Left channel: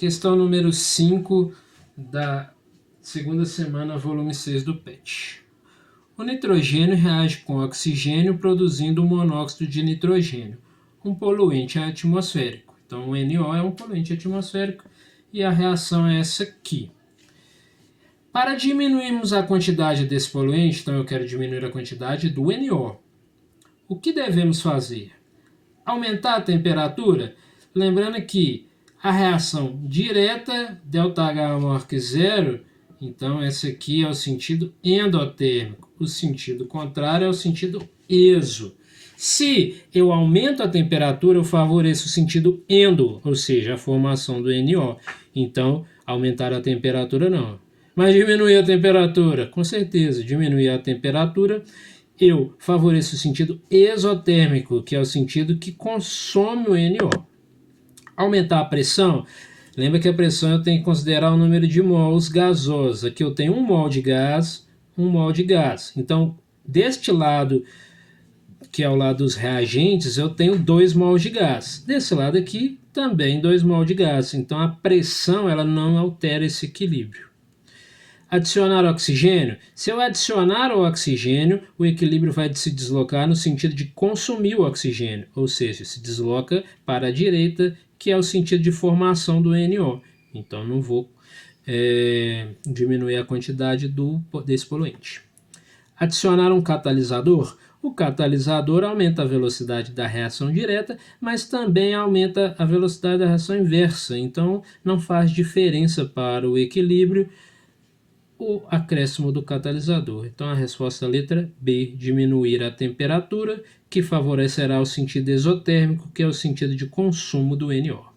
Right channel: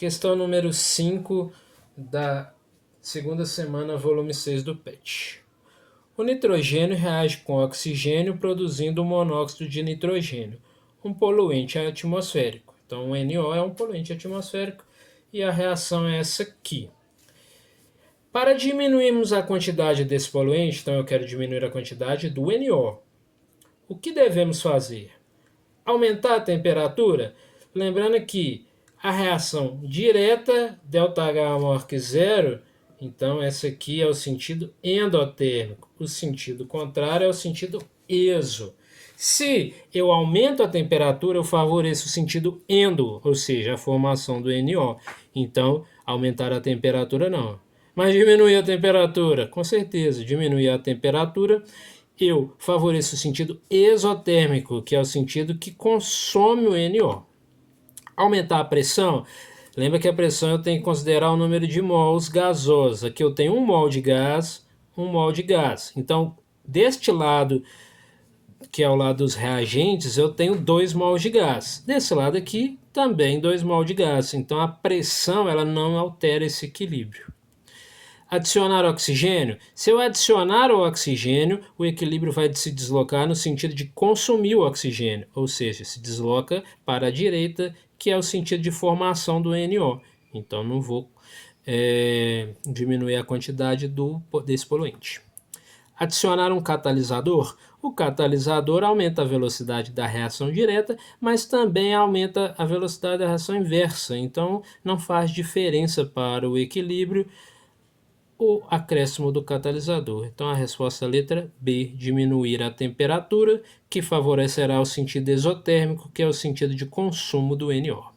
Questão número 5 da segunda semana, volume 6 do PET. O nitrogênio reage com o oxigênio produzindo o monóxido de nitrogênio, um poluente atmosférico. Então, o NO é um poluente atmosférico e a reação é essa aqui. Para diminuirmos a quantidade desse poluente, então eu quero diminuir a quantidade do NO. O que devemos fazer? Aumentar a temperatura? Lembrando que a reação direta, ΔH maior que zero, então esse aqui é o sentido endotérmico. O sentido contrário é o sentido exo. Se eu aumento a temperatura, eu favoreço o sentido endo, ou seja, a formação do NO. Então, aumentar a temperatura não. Mas diminuir a temperatura? Com certeza, diminuir a temperatura eu favoreço o sentido exotérmico, que é o sentido que consome o NO. Aumentar a pressão, lembra que a pressão eu tenho que considerar o número de mols gasosos. Aqui eu tenho 1 mol de gás, 1 mol de gás. Então, deste lado, que é o lado dos reagentes, eu tenho 2 mols de gás. Desse lado aqui, também 2 mols de gás. Então, a pressão ela não altera esse equilíbrio. Adicionar oxigênio. Se eu adicionar o oxigênio, o equilíbrio vai se deslocar no sentido de consumir o oxigênio, ou seja, se desloca para a direita, que é o sentido de formação do NO. Então, não vou diminuir a quantidade desse poluente. Adicionar um catalisador. O catalisador aumenta a velocidade da reação direta, mas também aumenta a velocidade da reação inversa. Então, não faz diferença para o equilíbrio o acréscimo do catalisador. Então a resposta letra B, diminuir a temperatura, que favorecerá o sentido exotérmico, que é o sentido de consumo do NO.